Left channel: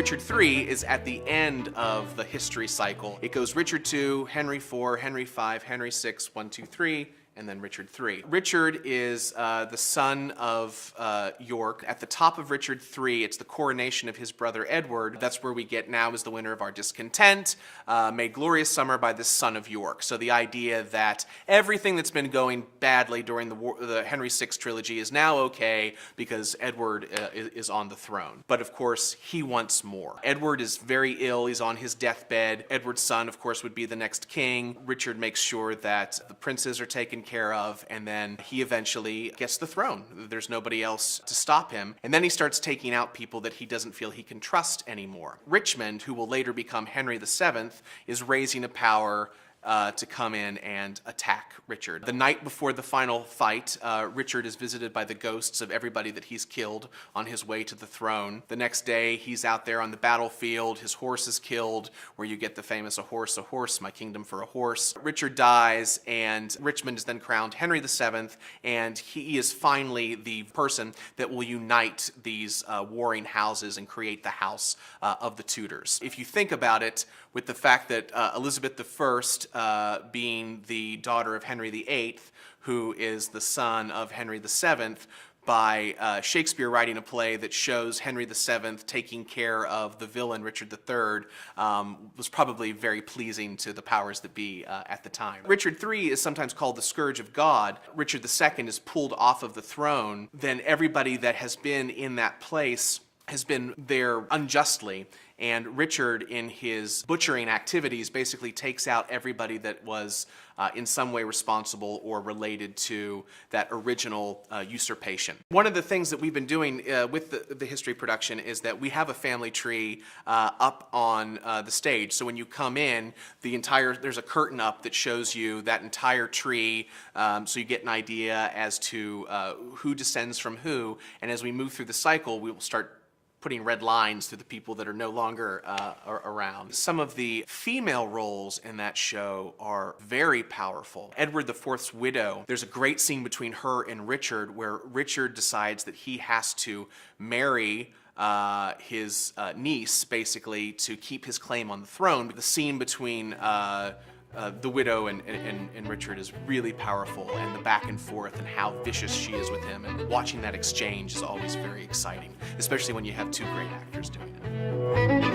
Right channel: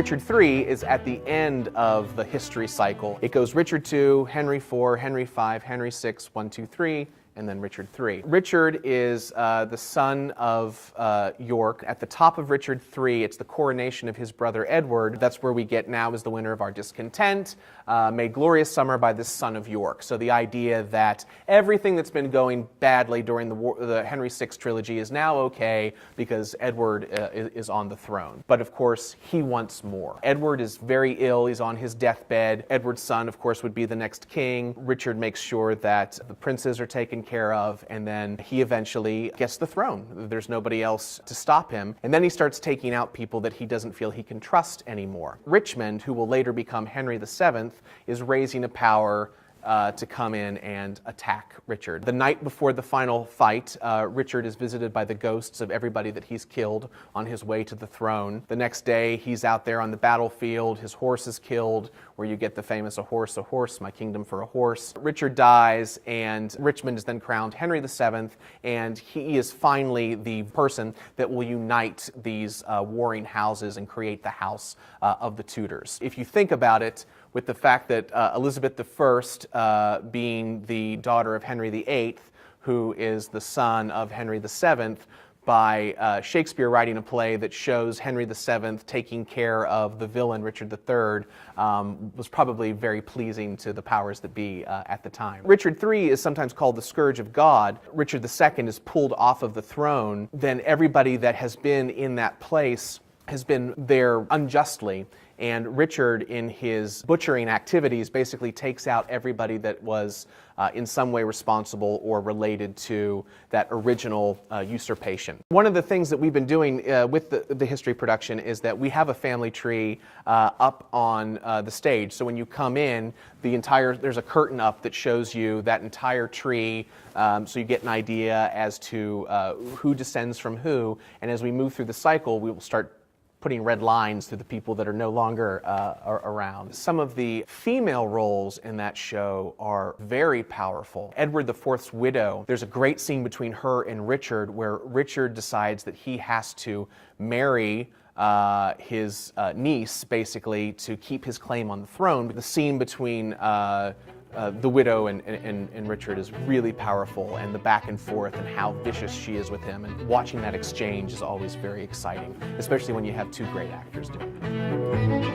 Richard III is at the end of the history cycle. It goes Richard II, Henry IV, Henry V, Henry VI, 1, 2, 3, and then Richard III. Richard is the son of York. At the top of Richard III, it's the coronation of his brother Edward. That's where we get "Now is the winter of our discontent, made glorious summer by this son of York." So the idea that everything that's been going badly during the Henry VI trilogy is now okay because Edward is on the throne. But of course, he wants more. Edward is very ill. He's on his deathbed. Edward's son, of course, would be the next king. Richard makes sure that the princes are taken care of, and then he eventually gets the throne. There's nobody else to stop him. And then he starts taking out people that he doesn't feel he can trust anymore. Richmond, who will later become Henry VII, is raising a power to come in and attack Richard. The night before the final fight, Richard is visited by the ghosts of everybody that he's killed on his way to the throne. The next day, he's out there on the battlefield. His horse is killed, where you get the famous a horse, my kingdom for a horse. Richard dies, and Richmond is then crowned Henry VII, and he is finally the person that will unite these warring houses and create the House of the Tudors. If you think about it, with the fact that Elizabeth I, being the daughter of Henry VIII, who is the son of Henry VII, by Shakespeare writing a play that shows Henry VII taking care of the villain Richard III, was probably very pleasing to the powers that be at the time. Richard III is sometimes called the Scourge of God. Richard II is pulled off of the throne. Then everybody that has been in that place has been there unjustly. And Richard, in his butchering activities, basically takes out everybody that was in some way responsible or related to that original usurpation. One of the things that we've been doing with the history production is that we have a family tree up on the stage. So when you come in, there's a curtain up that shows you that entire tree, so you get an idea as to who descends from who. And as we move through the cycle, we will start putting red lines through the people that are no longer around. Some of the female roles in that show are very powerful. Edward IV's widow, there's a great scene between her and Richard where Richard decides that he has to marry his niece, basically, to keep his claim on the throne. The scene between the widow and Richard is really powerful, and the back and forth and how vicious she is with him, and watching that exchange is always very exciting, especially when you have two great actors doing it.